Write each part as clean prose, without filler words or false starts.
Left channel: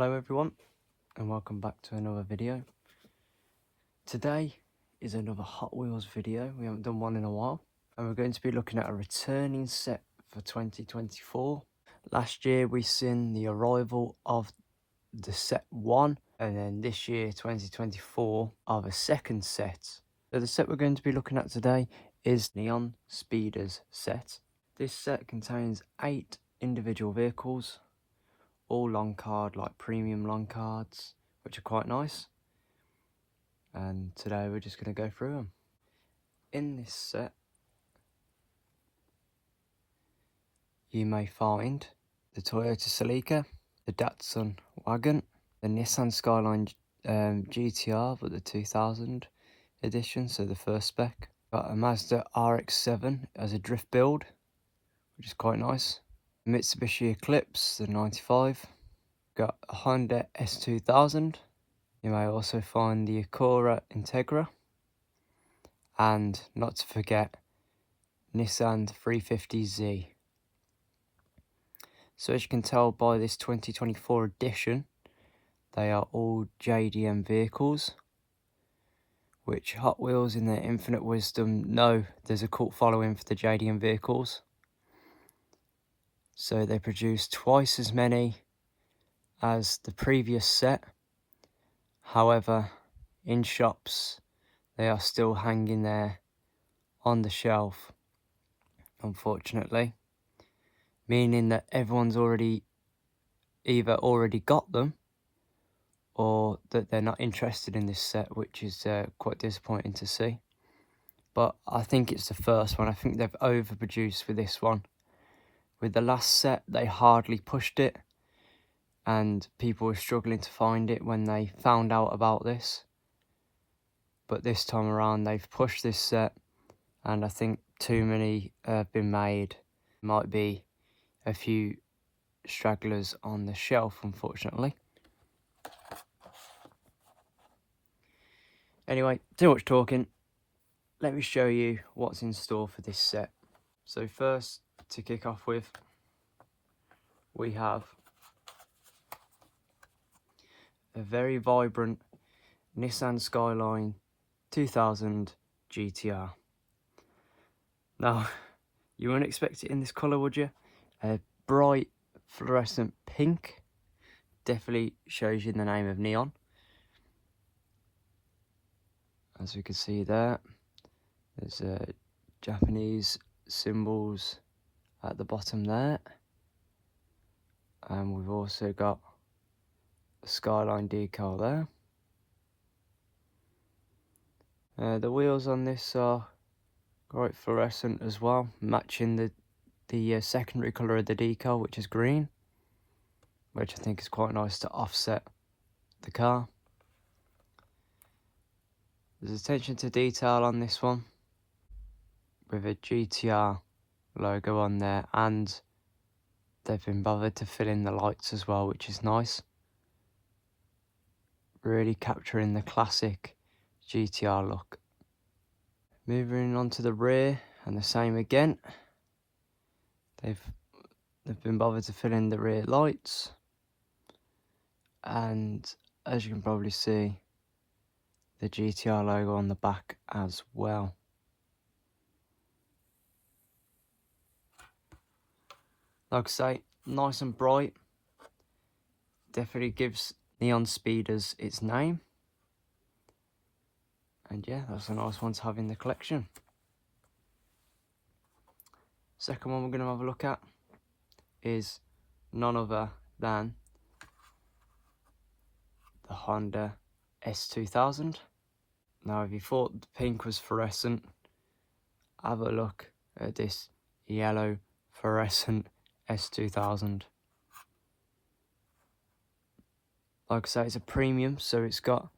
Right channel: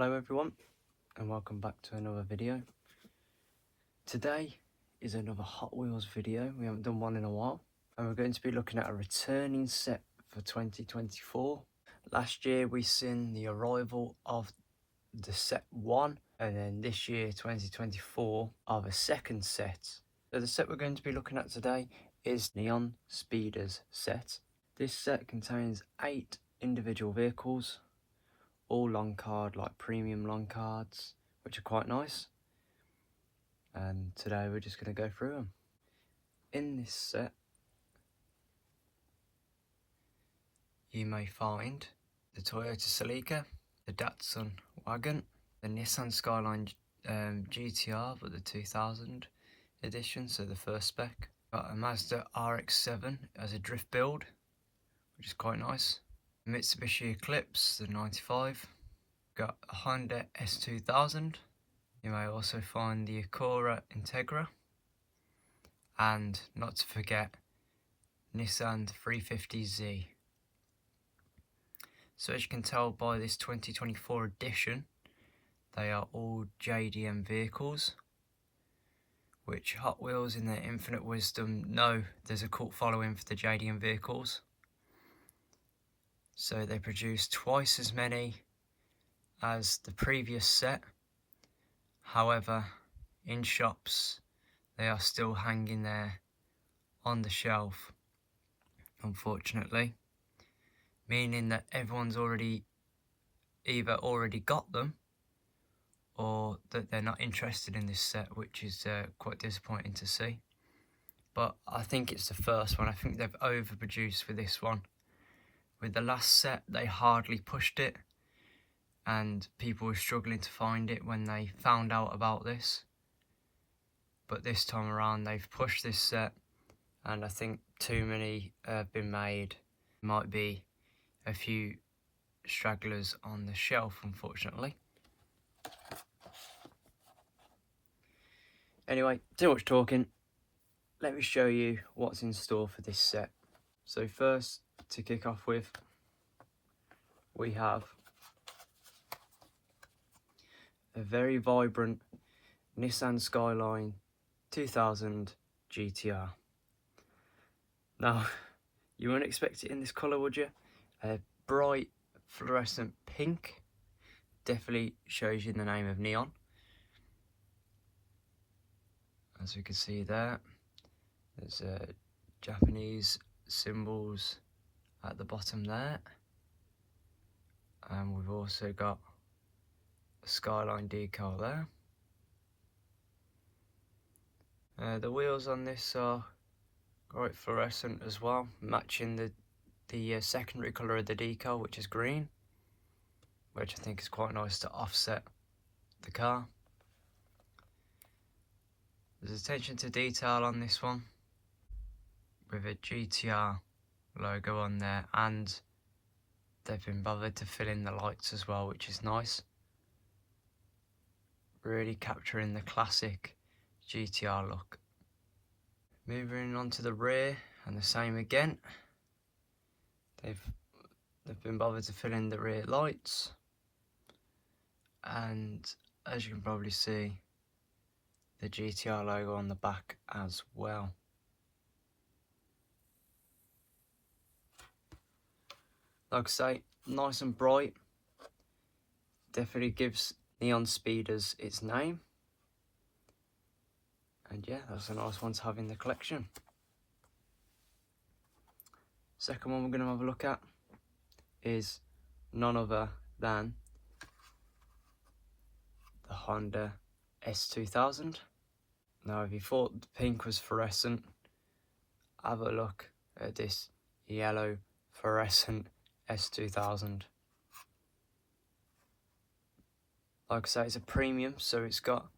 Hello everyone and welcome back to another video. Today is another Hot Wheels video. We haven't done one in a while, and we're going to be looking at a returning set for 2024. Last year we seen the arrival of the set 1, and then this year 2024 of a second set. So the set we're going to be looking at today is Neon Speeders set. This set contains 8 individual vehicles, all long card, like premium long cards, which are quite nice. And today we're just going to go through them. In this set, you may find the Toyota Celica, the Datsun Wagon, the Nissan Skyline GTR, but the 2000 edition, so the first spec. Got a Mazda RX7 as a drift build, which is quite nice. Mitsubishi Eclipse, the 95. Got a Honda S2000. You may also find the Acura Integra. And not to forget, Nissan 350Z. So as you can tell by this 2024 edition, they are all JDM vehicles, which Hot Wheels in their infinite wisdom know there's a cult following for the JDM vehicles. So they produce twice as many as the previous set. However, in shops they are still hanging there on the shelf, unfortunately, meaning that everyone's either already got them or that they're not interested in this set, which is quite disappointing to see. But I think it's the first one. I think they've overproduced with this one. With the last set, they hardly pushed it, and people were struggling to find it when they found out about this. But this time around, they've pushed this set, and I think too many have been made. Might be a few stragglers on the shelf, unfortunately. Anyway, too much talking. Let me show you what's in store for this set. So first, to kick off with, we have a very vibrant Nissan Skyline 2000 GTR. Now, you wouldn't expect it in this colour, would you? A bright fluorescent pink. Definitely shows you the name of Neon. As we can see there, there's Japanese symbols at the bottom there, and we've also got a Skyline decal there. The wheels on this are quite fluorescent as well, matching the secondary colour of the decal, which is green, which I think is quite nice to offset the car. There's attention to detail on this one, with a GTR logo on there, and they've been bothered to fill in the lights as well, which is nice. Really capturing the classic GTR look. Moving on to the rear, and the same again. They've been bothered to fill in the rear lights, and as you can probably see, the GTR logo on the back as well. Like I say, nice and bright. Definitely gives Neon Speeders its name. And yeah, that's a nice one to have in the collection. Second one we're going to have a look at is none other than the Honda S2000. Now, if you thought the pink was fluorescent, have a look at this yellow fluorescent S2000. Like I say, it's a premium, so it's got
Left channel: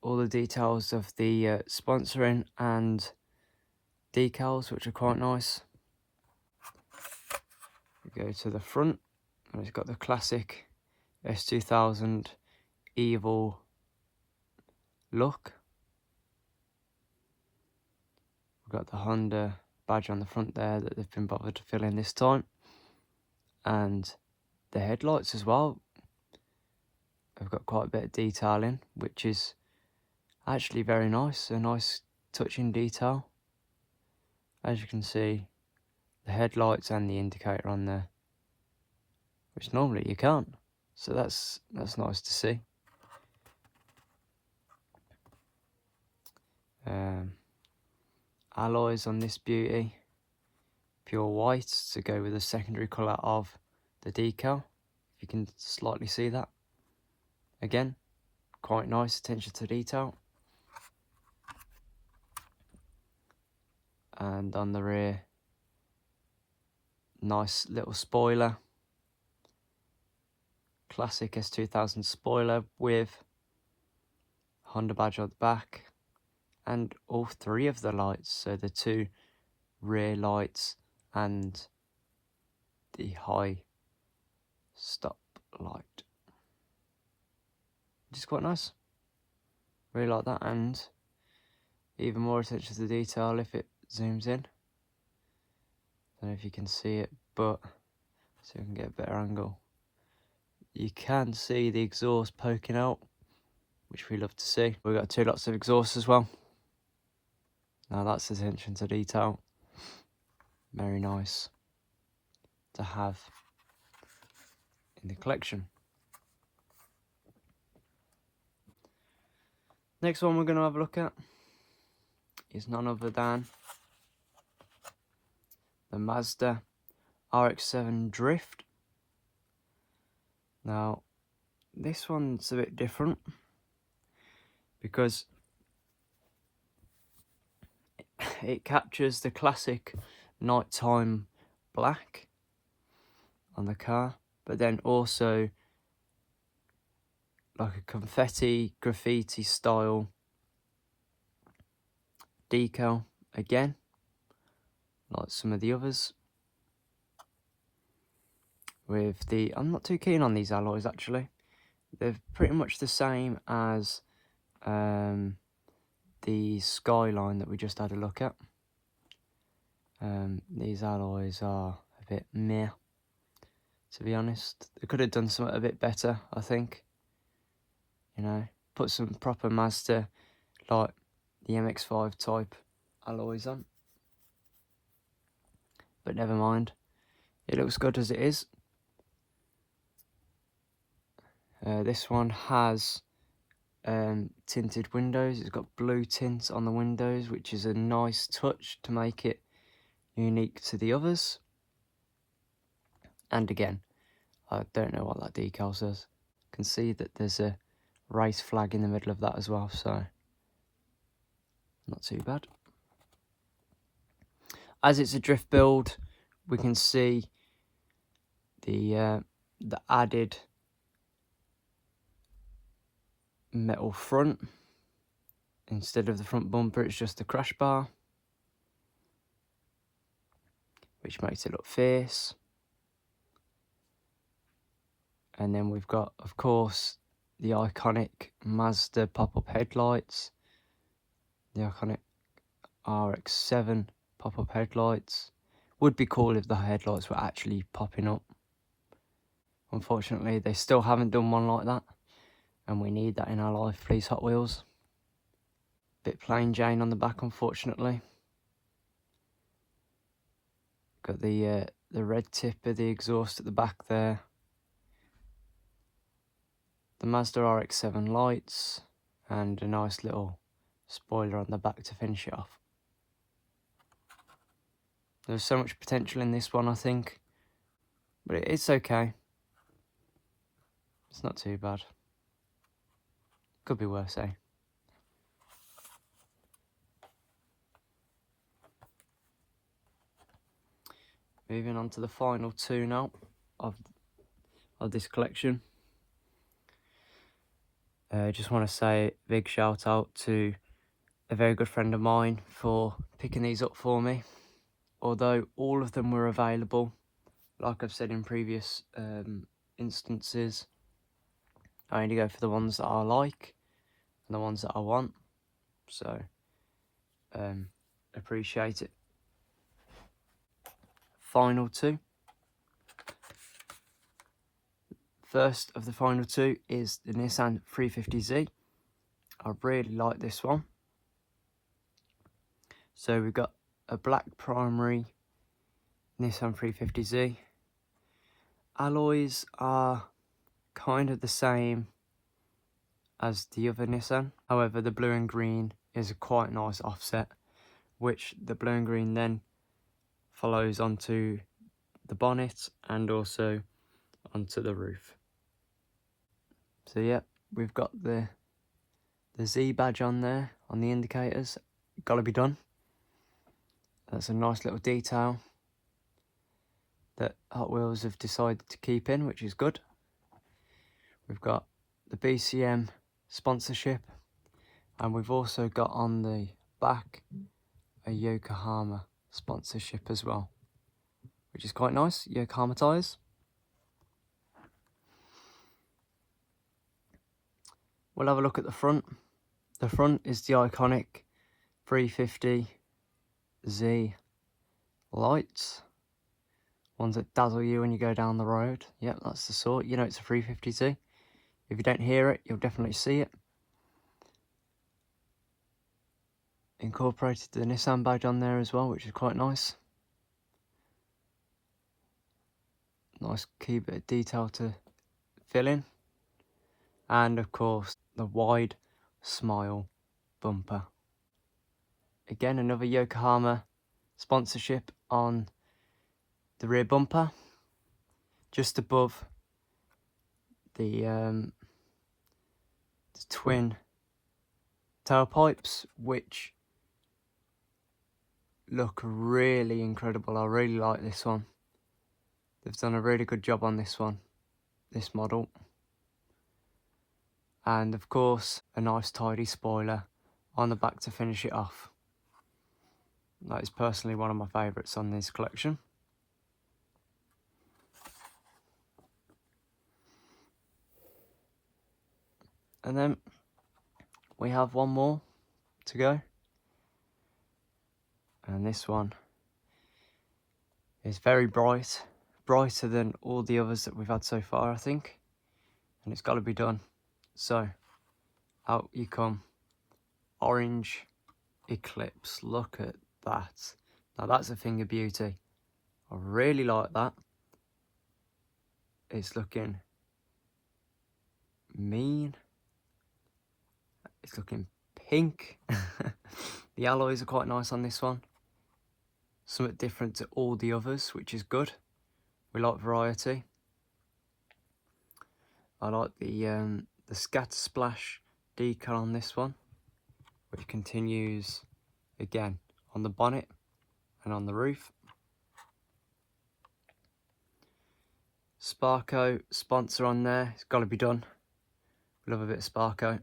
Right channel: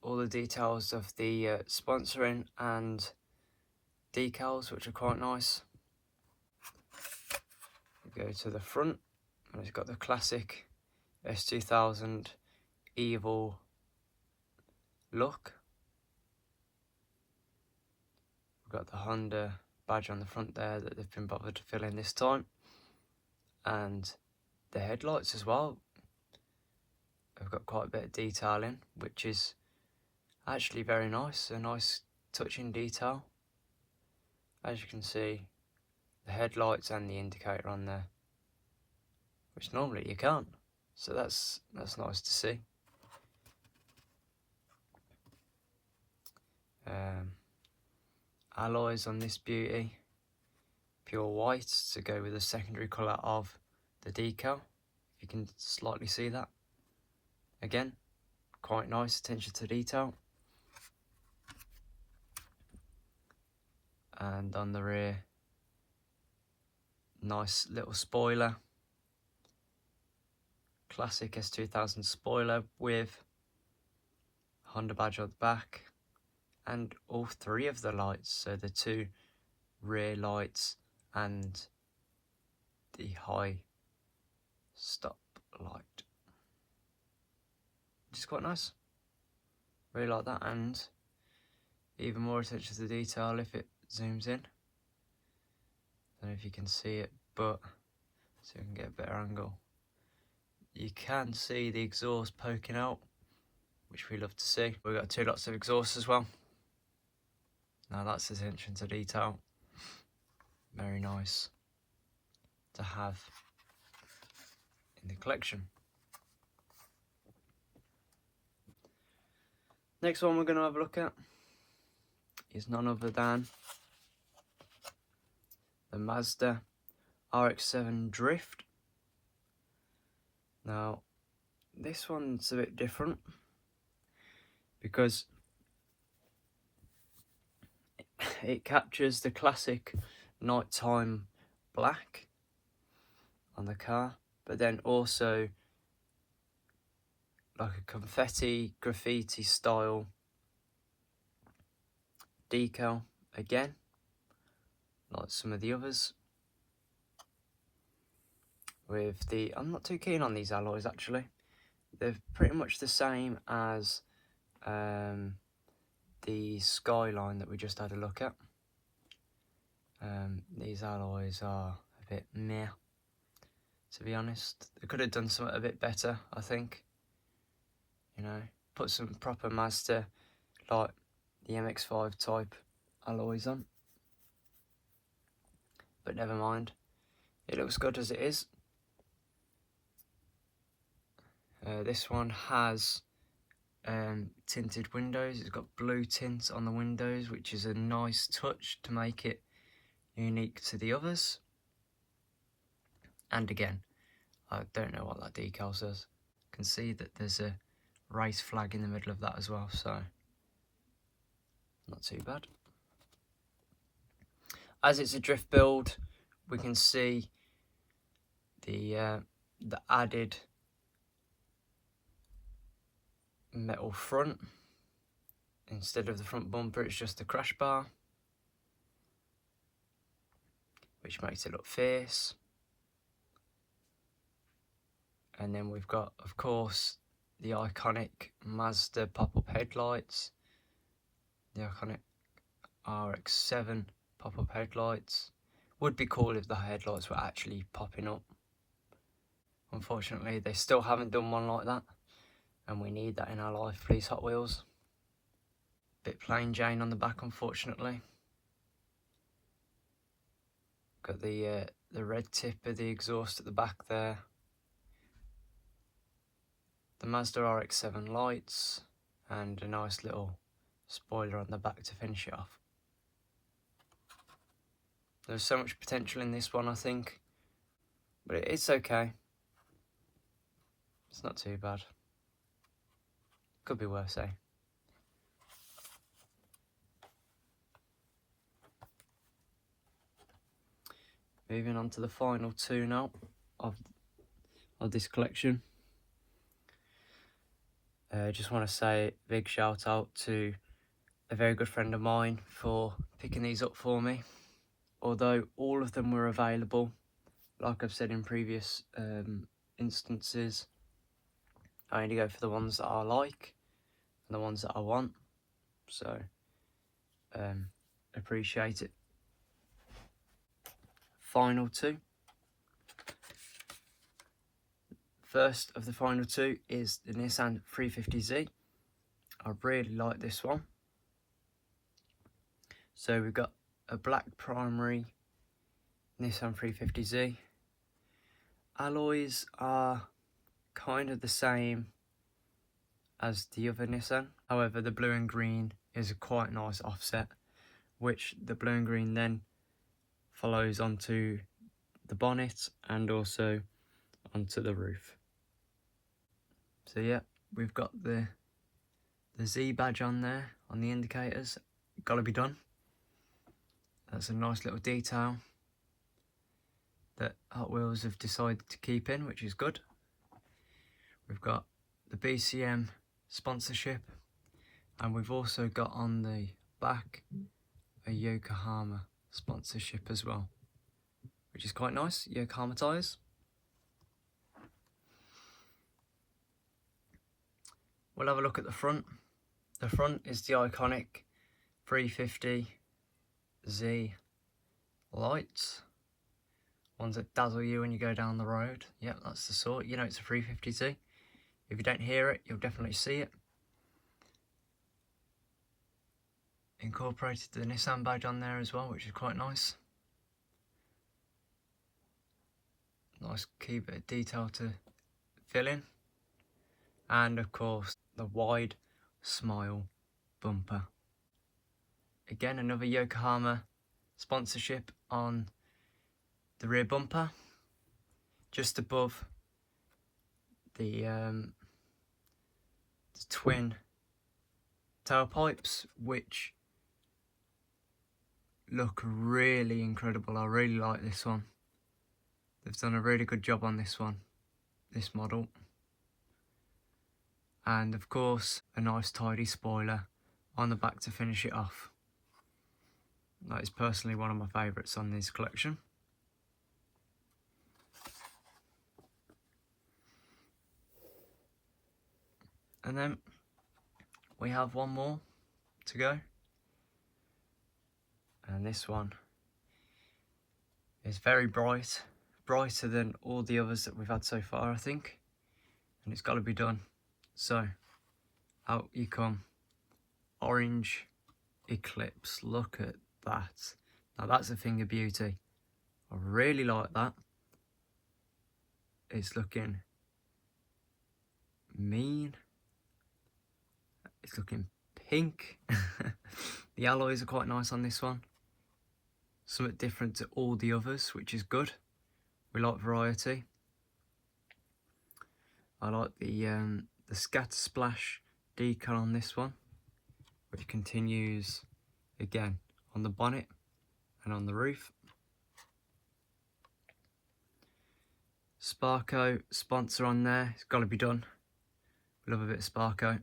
all the details of the sponsoring and decals, which are quite nice. We go to the front, and it's got the classic S2000 evil look. We've got the Honda badge on the front there that they've been bothered to fill in this time, and the headlights as well. they've got quite a bit of detail in, which is actually very nice, a nice touching detail. As you can see, the headlights and the indicator on there, which normally you can't, so that's nice to see. Alloys on this beauty, pure white to go with the secondary colour of the decal. If you can slightly see that. Again, quite nice attention to detail. And on the rear, nice little spoiler. Classic S2000 spoiler with Honda badge on the back. And all three of the lights, so the two rear lights and the high stop light, which is quite nice. Really like that, and even more attention to detail if it zooms in. Don't know if you can see it, but so we can get a better angle. You can see the exhaust poking out, which we love to see. We've got two lots of exhaust as well. Now that's attention to detail. Very nice to have in the collection. Next one we're going to have a look at is none other than the Mazda RX7 Drift. Now this one's a bit different because it captures the classic nighttime black on the car, but then also like a confetti graffiti style decal again, like some of the others. With the, I'm not too keen on these alloys actually. They're pretty much the same as the Skyline that we just had a look at. These alloys are a bit meh, to be honest. They could have done something a bit better, I think. You know, put some proper Mazda, like the MX-5 type alloys on. But never mind, it looks good as it is. This one has tinted windows. It's got blue tint on the windows, which is a nice touch to make it unique to the others. And again, I don't know what that decal says. You can see that there's a race flag in the middle of that as well, so not too bad. As it's a drift build, we can see the added metal front. Instead of the front bumper, it's just the crash bar, which makes it look fierce. And then we've got, of course, the iconic Mazda pop-up headlights, the iconic RX7 pop-up headlights. Would be cool if the headlights were actually popping up. Unfortunately, they still haven't done one like that, and we need that in our life, please, Hot Wheels. Bit plain Jane on the back, unfortunately. Got the red tip of the exhaust at the back there. The Mazda RX7 lights, and a nice little spoiler on the back to finish it off. There's so much potential in this one, I think, but it's okay. It's not too bad. Could be worse, eh? Moving on to the final two now of this collection. Just want to say a big shout out to a very good friend of mine for picking these up for me. Although all of them were available, like I've said in previous instances, I only go for the ones that I like and the ones that I want. So, appreciate it. Final two. First of the final two is the Nissan 350Z. I really like this one. So we've got a black primary Nissan 350Z. Alloys are kind of the same as the other Nissan. However, the blue and green is a quite nice offset, which the blue and green then follows onto the bonnet and also onto the roof. So yeah, we've got the Z badge on there on the indicators. Gotta be done. That's a nice little detail that Hot Wheels have decided to keep in, which is good. We've got the BCM sponsorship, and we've also got on the back a Yokohama sponsorship as well, which is quite nice. Yokohama tyres. We'll have a look at the front. The front is the iconic 350Z lights, ones that dazzle you when you go down the road. Yep, that's the sort. You know it's a 350Z. If you don't hear it, you'll definitely see it. Incorporated the Nissan badge on there as well, which is quite nice. Nice key bit of detail to fill in. And of course, the wide smile bumper. Again, another Yokohama sponsorship on the rear bumper, just above the twin tailpipes, which look really incredible. I really like this one. They've done a really good job on this one, this model. And of course, a nice tidy spoiler on the back to finish it off. That is personally one of my favourites on this collection. And then we have one more to go. And this one is very bright, brighter than all the others that we've had so far, I think. And it's got to be done. So, out you come. Orange Eclipse, look at that. Now that's a thing of beauty. I really like that. It's looking mean. It's looking pink. The alloys are quite nice on this one. Something different to all the others, which is good. We like variety. I like the scatter splash decal on this one, which continues again on the bonnet and on the roof. Sparko sponsor on there, it's got to be done. Love a bit of Sparko.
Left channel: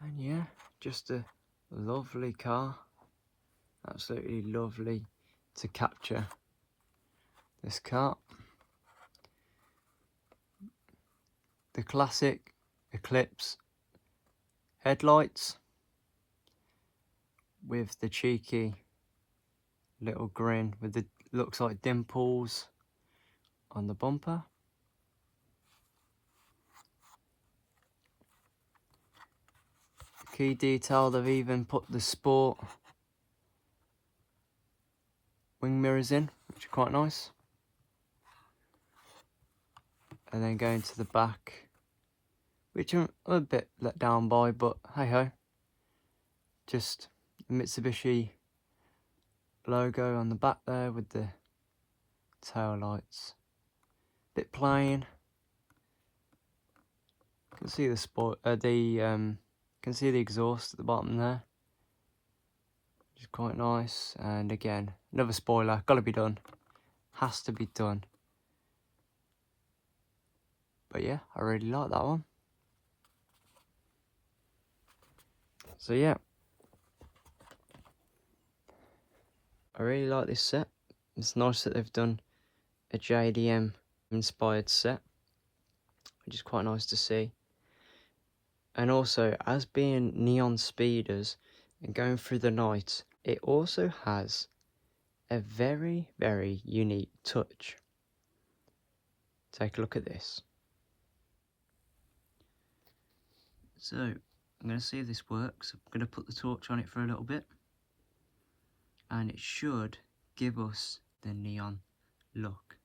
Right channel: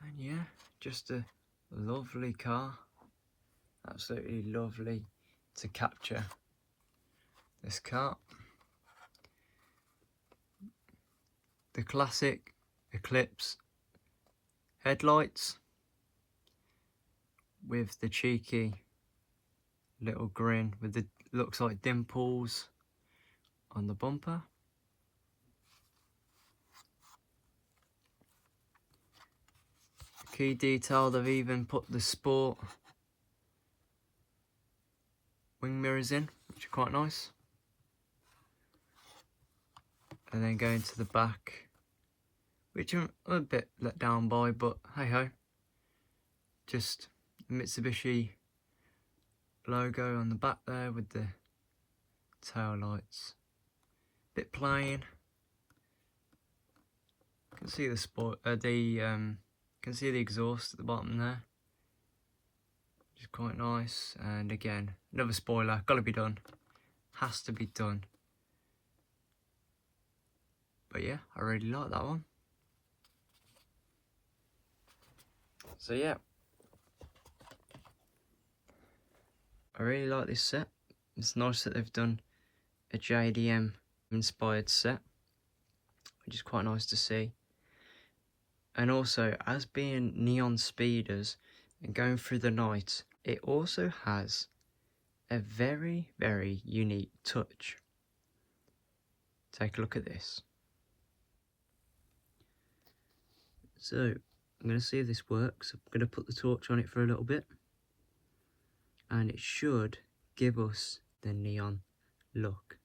And yeah, just a lovely car. Absolutely lovely to capture this car. The classic Eclipse headlights with the cheeky little grin with the looks like dimples on the bumper. Key detail, they've even put the sport wing mirrors in, which are quite nice. And then going to the back, which I'm a bit let down by, but hey ho. Just the Mitsubishi logo on the back there with the tail lights. Bit plain. Can see the can see the exhaust at the bottom there, which is quite nice. And again, another spoiler, gotta be done, has to be done. But yeah, I really like that one. So yeah, I really like this set. It's nice that they've done a JDM inspired set, which is quite nice to see. And also, as being neon speeders and going through the night, it also has a very, very unique touch. Take a look at this. So, I'm going to see if this works. I'm going to put the torch on it for a little bit. And it should give us the neon look.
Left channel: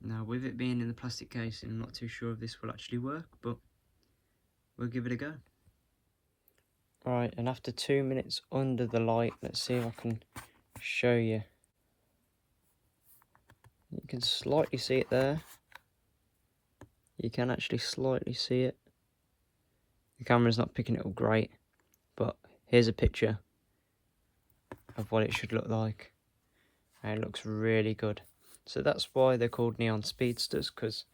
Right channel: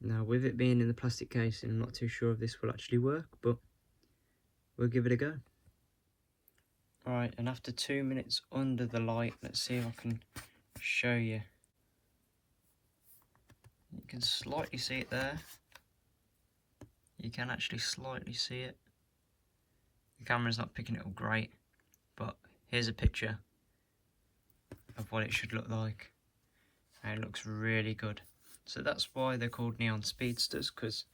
Now, with it being in the plastic casing, I'm not too sure if this will actually work, but we'll give it a go. Alright, and after 2 minutes under the light, let's see if I can show you. You can slightly see it there. You can actually slightly see it. The camera's not picking it up great, but here's a picture of what it should look like. And it looks really good. So that's why they're called neon speedsters, because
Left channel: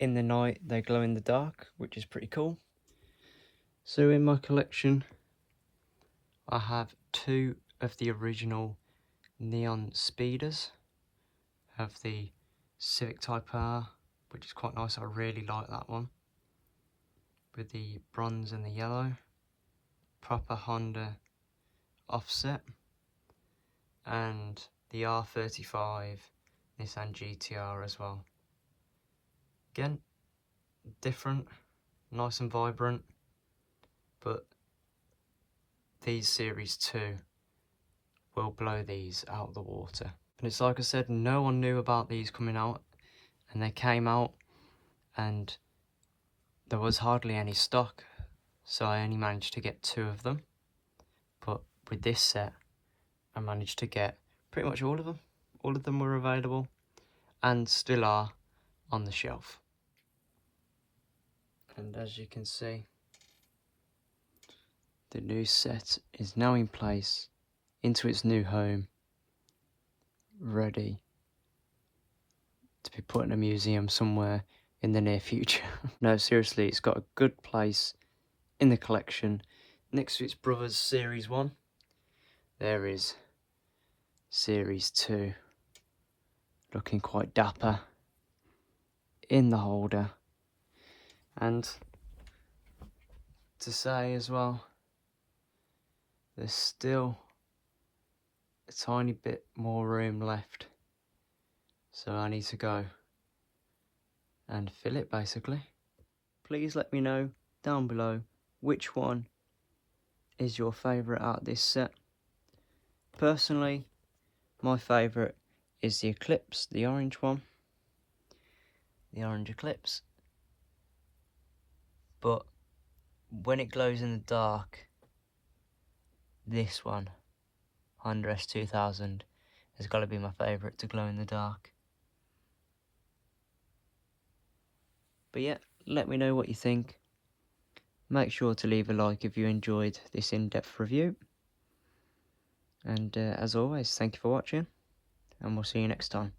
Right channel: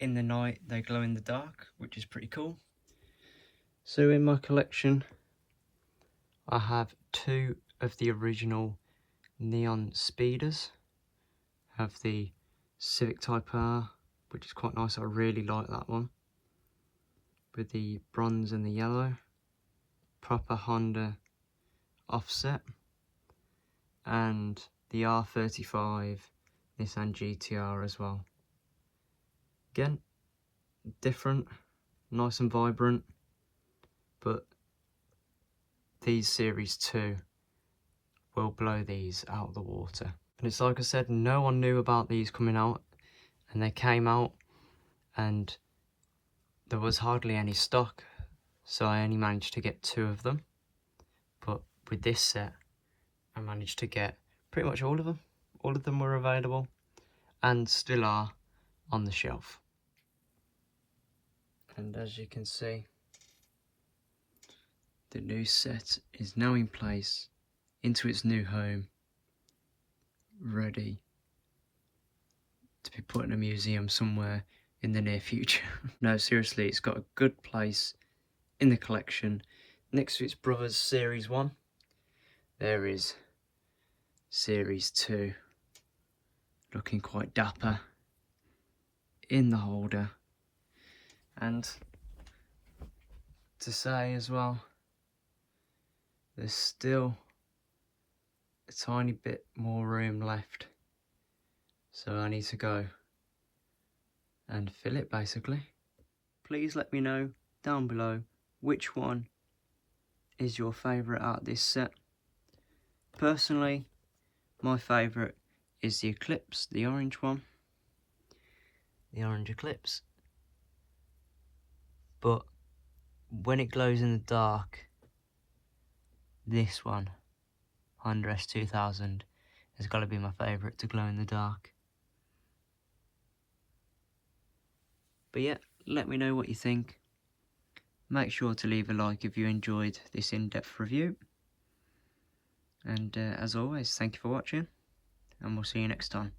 in the night they glow in the dark, which is pretty cool. So in my collection I have 2 of the original neon speeders. I have the Civic Type R, which is quite nice. I really like that one, with the bronze and the yellow, proper Honda offset, and the R35 Nissan GTR as well. Again, different, nice and vibrant, but these Series 2 will blow these out of the water. And it's like I said, no one knew about these coming out, and they came out and there was hardly any stock, so I only managed to get 2 of them. But with this set, I managed to get pretty much all of them. All of them were available and still are on the shelf. And as you can see, the new set is now in place, into its new home, ready to be put in a museum somewhere in the near future. No, seriously, it's got a good place in the collection. Next to its brother's Series 1, there is Series 2, looking quite dapper in the holder. And to say as well, there's still a tiny bit more room left, so I need to go and fill it basically. Please let me know down below which one is your favourite out of this set. Personally, my favourite is the Eclipse, the orange one, the orange Eclipse. But when it glows in the dark, this one, Honda S2000, has got to be my favourite to glow in the dark. But yeah, let me know what you think. Make sure to leave a like if you enjoyed this in-depth review. And as always, thank you for watching, and we'll see you next time.